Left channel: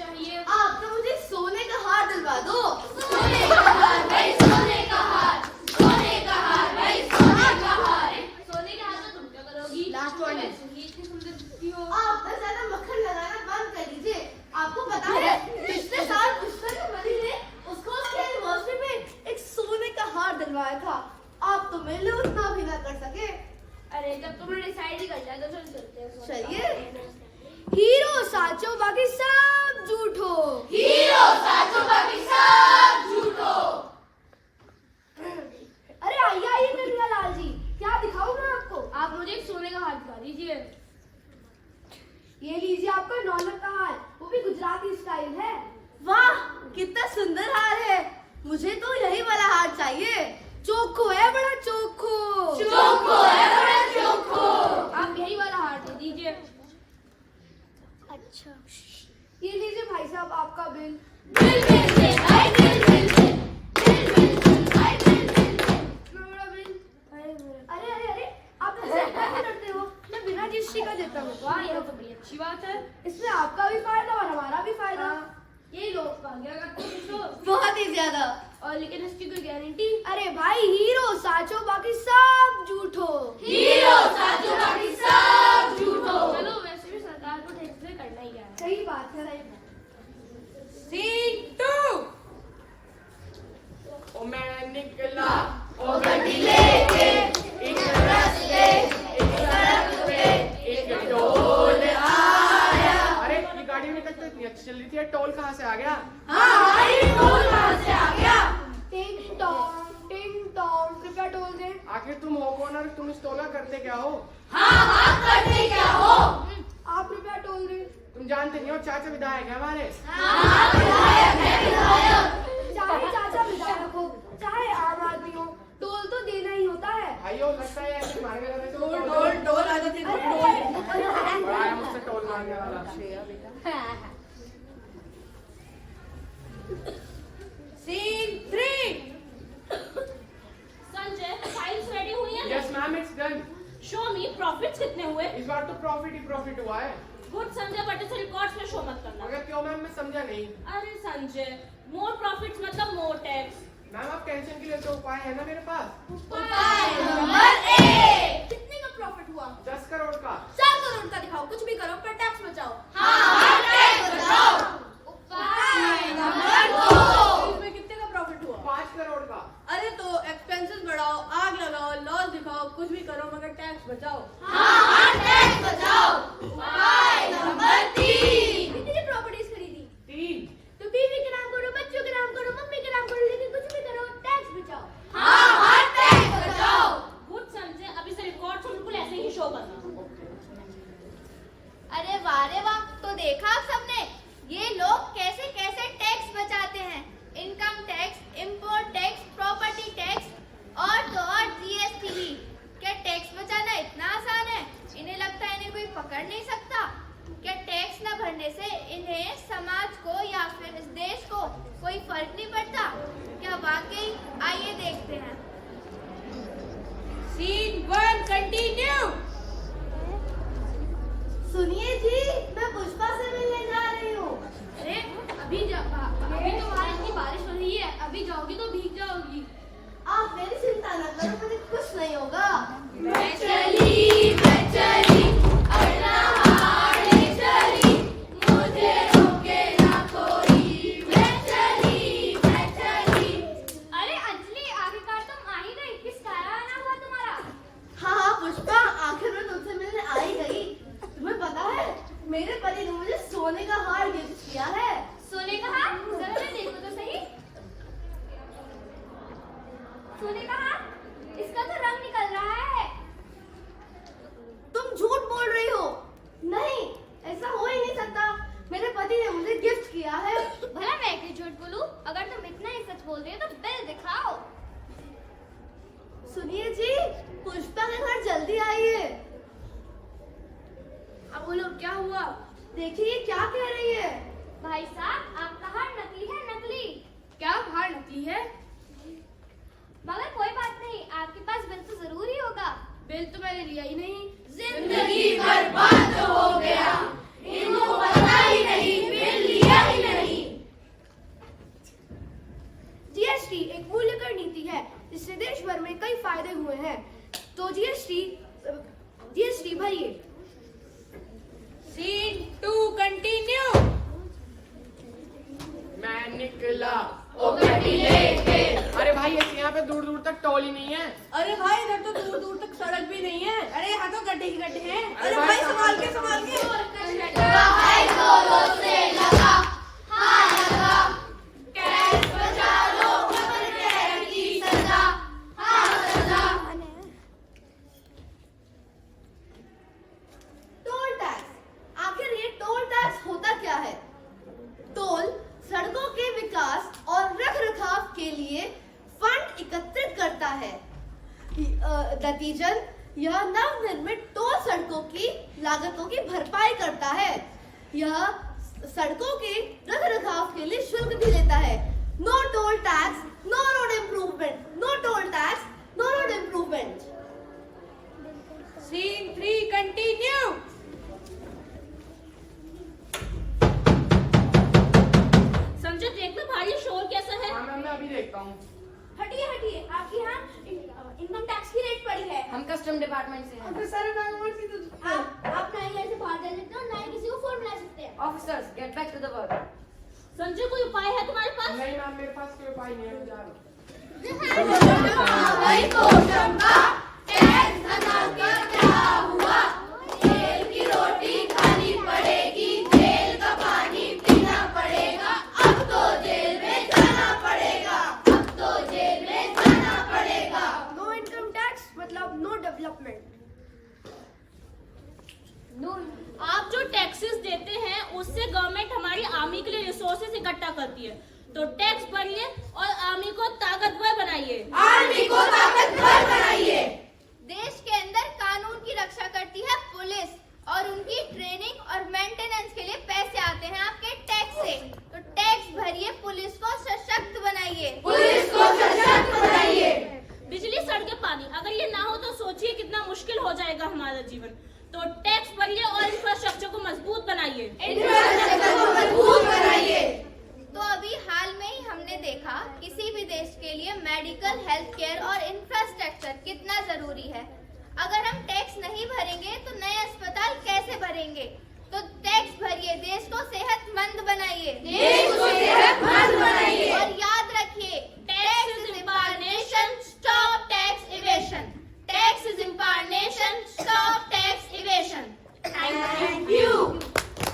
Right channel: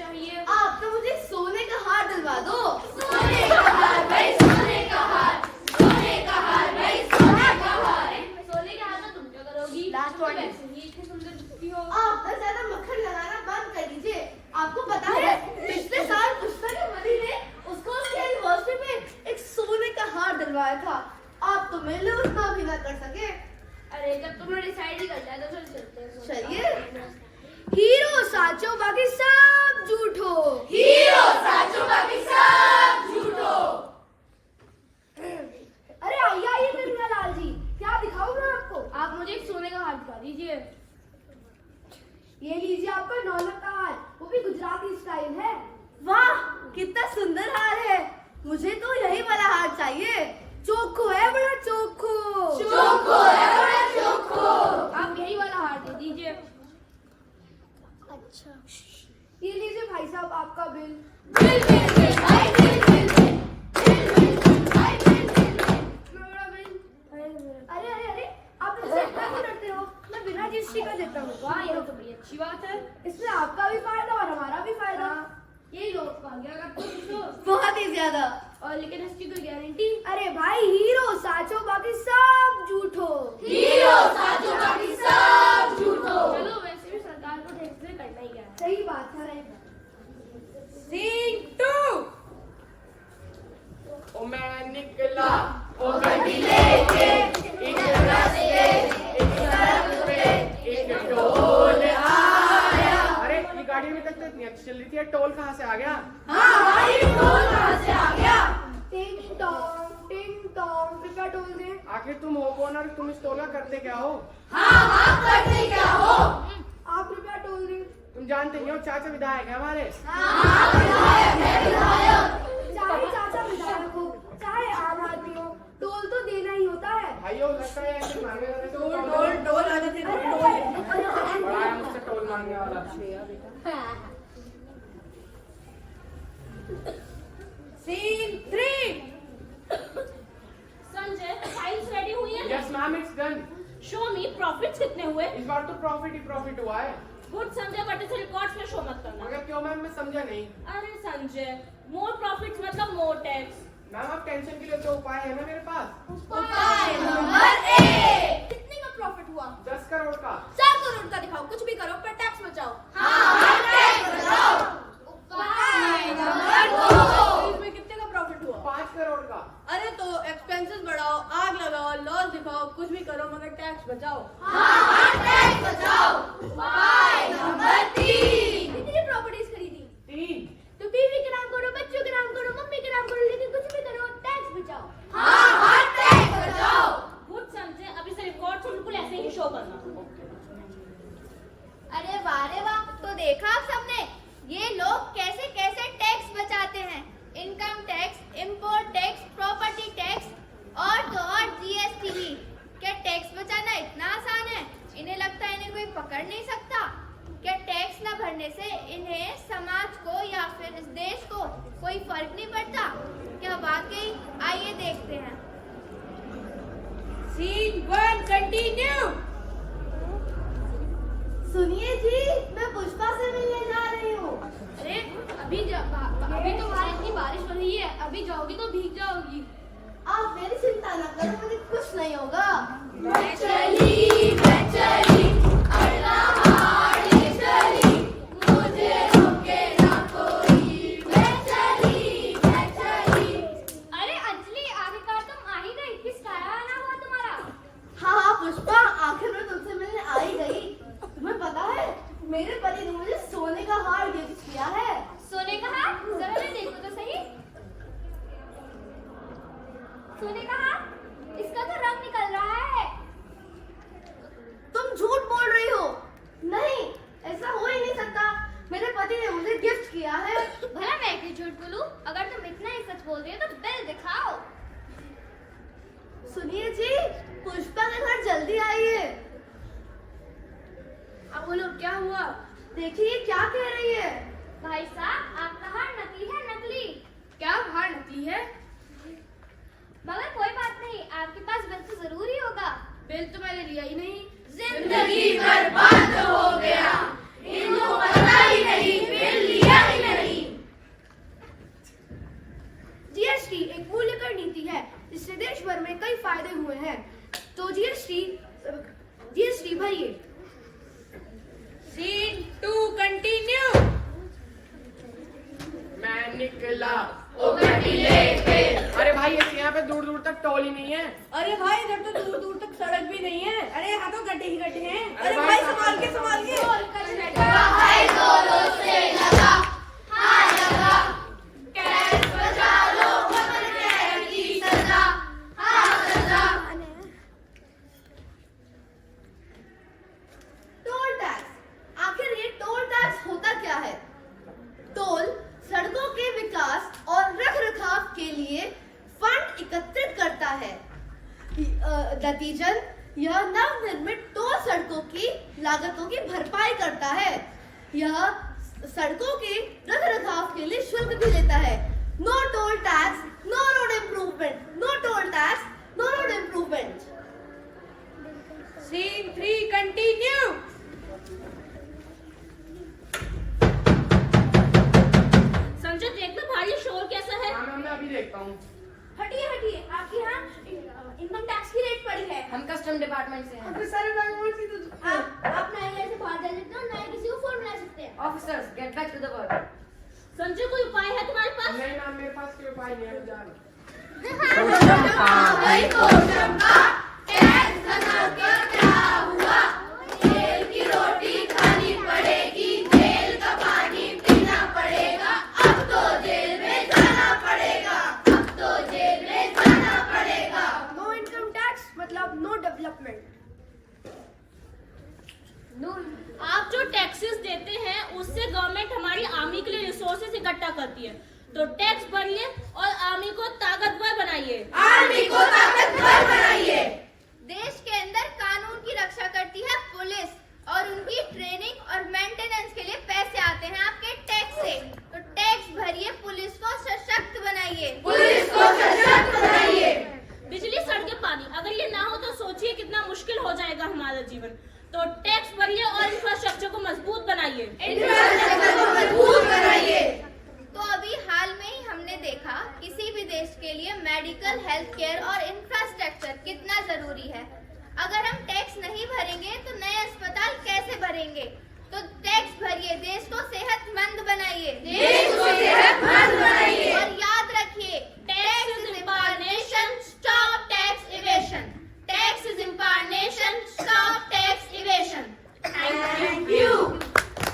चाहिए? आप तो मुझे सोने का हार दिलवा दो। सोने का हार भाई, सोने का हार, सोने का हार भाई, सोने का हार। सोने के हार में तुम क्या करोगी? तुम वैसे ही इतनी सुंदर दिखती हो। आप तो ज्यादा मक्खन लगाना बंद कर दीजिए। आपको पता है पिछले साल पुस्तक मरी ने उसको उसके एनिवर्सरी में एक सोने का हार दिलवाया था। आप तो मेरे लिए उतना भी ना कर सके। अरे जब तुमने डिसाइड ही कर लिया तो चल चलते हैं। चलिए। हीरो साचो बाकी सब झूठो। हीरो साचो बाकी सब झूठो। अरे आइए आइए कन्हैया लाल जी, क्या दिखाऊं मैं आपको? आप मुझे एक सोने का हार दिखा दीजिए। ये लीजिए आपका नौलख का हार, वो भी गुजराती स्टाइल है। वाह कितना सुंदर हार है। मुझे तो यही वाला हार चाहिए। चोखो है, बड़ा चोखो। चोखो है, बड़ा चोखो। आप यही वाला हार दे दीजिए। अच्छा ये लीजिए भाई साहब आपका बिल। बिल बिल बिल भाई, bill bill bill, bill bill bill भाई, बिल बिल बिल। इतना बड़ा बिल। अरे अरे अरे आप ऐसे क्यों करते हो? मैं बिना जीएसटी का देता हूँ। वाह यह तो बड़ी अच्छी बात है। इसमें आपका भी फायदा और हमारा भी फायदा। ये लोग क्या करते हो? बहुत ही ज्यादा। और लेकिन इसकी कोई गारंटी? अरे भाई हीरो साचो बाकी सब झूठो। हीरो साचो बाकी सब झूठो। चलो वैसे भी सरकार को टैक्स पे करना ही है। सही बात है। सीन 2। ओ मैं निकला ओ गड्डी लेके एक रास्ते एक सड़क पे एक टोल आया। अरे ये गाड़ी अभी तक तो इतनी अच्छी चल रही थी, टोल कहाँ से आ गया? हाँ ये टोल कहाँ से आ गया? टिंग टोंग कृपया टोल दे। आखिर तुम हो कौन और तुम इस टोल का करते क्या हो? हाँ करते क्या हो? आप कृपया टोल दे। तुम जानते नहीं हो चाचा विधायक है हमारे। हाँ विधायक है, विधायक। चाहे चाचा विधायक हो चाहे आम आदमी हो, टोल तो देना ही होता है। भाइयों लगता है ऐसे मांगने वाले से टोल टोल आ जाते बड़ा है मुझसे टोल मांगने वाला। सीन 3। संजय फाइल्स रेडी हुई हैं? Yes ma'am it's done. Show me profits कितने हुए? इस बार तो प्रॉफिट ही प्रॉफिट हुआ है। गुड संजय बट इसे रिकॉर्ड्स में शो मत करना। मगर क्यों मैम, मैं समझा नहीं। अरे संजय मोर प्रॉफिट्स मतलब मोर टैक्स। मैम आप टेंशन के लिए तो उपाय है ना मेरे पास। उपाय नंबर 1। कितने का प्रॉफिट हुआ? 10 करोड़ का। 4 करोड़ का दिखाओ, कुछ भी करो पर टैक्स बचाओ। हाँ टैक्स बचाओ। उपाय नंबर 2। इसमें कितने का प्रॉफिट हुआ? 5 करोड़ का। अरे तो एक्सपेंसेस बढ़ाओ, आग लगाओ, लॉस दिखाओ, कुछ भी करो मगर टैक्स बचाओ। हाँ टैक्स बचाओ। उपाय नंबर 3। कितनी प्रॉपर्टीज खरीदी? 3। तो बीवी के नाम करो, बच्चों के नाम करो, मम्मी के नाम करो, लेकिन कुछ भी करो टैक्स बचाओ। हाँ टैक्स बचाओ। गुड संजय अभी से रिकॉर्ड्स बिल्कुल ऐसे ही शो करना। अरे वाह रे वाह, तो देखा आप सबने ये लोग कैसे कैसे टैक्स बचाते हैं। Income tax, import tax, property tax और तो और जीएसटी भी। क्या टैक्स बचाना इतना आसान है? इन्हें लगता है इन्हें कोई पकड़ नहीं सकता। क्या टैक्स न भरने से इन्हें समाज को या फिर इस देश को कोई फर्क नहीं पड़ता? क्या वाकई? आइए देखते हैं। Scene 1 continue. सुनिए जी, मैं पुष्पा से मिलने जा रही हूँ। अरे अभी तो बाहर इतनी बारिश हो रही है, अभी जाओगी तो भीग जाओगी। आप मेरी चिंता न करो, मुझे कुछ नहीं होगा। मैं चली अल्लाह हाड़ी चली, मुझे रोके ना कोई। मैं चली। अरे अंजलि आखिरकार तुम आ ही गई। किस कारण आना हुआ तुम्हारा? हाँ हाँ पुष्पा, आखिर में तुमसे मिलने आ ही गई। तुम्हें पता है मेरे पति ने मुझे सोने का हार गिफ्ट किया है। सोने का हार? जरा मैं देखो तो सही। सोने का हार? इसका तो रंग निकल रहा है। तुम झूठ बोल रही हो। नहीं, ऐसा हो ही नहीं सकता। मेरे पति ने मुझे गिफ्ट किया है। भला मैं क्यों झूठ बोलूं? अगर तुम इतना ही सच बोल रही हो तो बिल दिखाओ। सुनिए जी, पुष्पा के घर जल्दी आइए। अब बोलो क्या हुआ? देखिए क्या कह रही है। भाई साहब आपका हार नकली है, नकली। क्या हार नकली है? मगर कोई बात नहीं, आपके पास बिल तो जरूर ही होगा। बिल तो मैंने लिया ही नहीं। जिंदगी बर्बाद हो गया, इनको पता ही नहीं बिल लिया ही भरिए। Scene 2 continue. मैं निकला ओ गड्डी लेके। अरे भाई ऐसे यहाँ पे दूर दूर तक टोल ही नहीं है। अरे भाई इधर तो दूर दूर तक सड़क भी नहीं है। अरे यहाँ तो गड्ढे ही गड्ढे हैं। अरे अरे भाई, भाई संभाल के संभाल के। है जोरों से लगा, हाँ लगा, टैक्स बचा लो वतन के की सजा, हाँ सजा। टोल टैक्स, आखिर ये टोल टैक्स होता क्या है? टोल सड़कों के विकास और रखरखाव के लिए फंड एकत्रित करता है। नतीजन यह नवनिर्मित टोल सड़कों की लागतों की भरपाई करता है। यह सड़कों के रखरखाव के लिए शुल्क भी लेता है। No toll tax, no road improvement. No toll tax, no road improvement. Scene 3 continue. Sanjay देखना भाई शोर कैसा है। हाँ मैं अभी देखता हूँ। हटिए हटिए, आपके यहाँ इनकम टैक्स की रेट पड़ी है। हम कस्टम डिपार्टमेंट से हैं। आप ना ही ऐसे बाहर जा सकते हो, ना ही किसी को फोन मिला सकते हैं। Officers get back to the work. Sanjay कोई उपाय है तुम्हारे पास? नहीं मैम मेरे पास कोई उपाय नहीं है, जा रहा हूँ। भाई को चमका, टैक्स धना का क्या हुआ? जेल की रोटी खानी पड़ेगी, जेल का पानी पीना पड़ेगा, अब तो जेल में जाना पड़ेगा, अब तो जेल में जाना पड़ेगा। नो इनकम टैक्स मतलब नो डेवलपमेंट। आप जो टैक्सेस देते हैं उससे गवर्नमेंट हमारी आर्मी के लिए रिसोर्सेज इकट्ठा करती है, तो टैक्स भरिए और आर्मी को ताकतवर बनाइए। आर्मी को ताकतवर बनाइए। देश के अंदर कानून की रक्षा करती है पुलिस और उनकी ट्रेनिंग और मेंटेनेंस के लिए पैसे आते हैं आपके टैक्स से। तो टैक्स भरिए, पुलिस को सशक्त बनाइए। पुलिस को सशक्त बनाइए। बिजली, सड़कें, पानी, अगर ये ना हो तो सोचिए कितना मुश्किल हो जाएगा हमारा जीवन। तो टैक्स भरिए और इंफ्रास्ट्रक्चर को मजबूत बनाइए। इंफ्रास्ट्रक्चर को मजबूत बनाइए। तो अभी हाल में ही हमने देखा किसी भी देश के लिए मेडिकल, हेल्थ केयर और इंफ्रास्ट्रक्चर कितना जरूरी है। अगर हम टैक्स नहीं भरेंगे तो नए अस्पताल कैसे भरेंगे? तो टैक्स भरिए, देश को सेहतमंद बनाइए। देश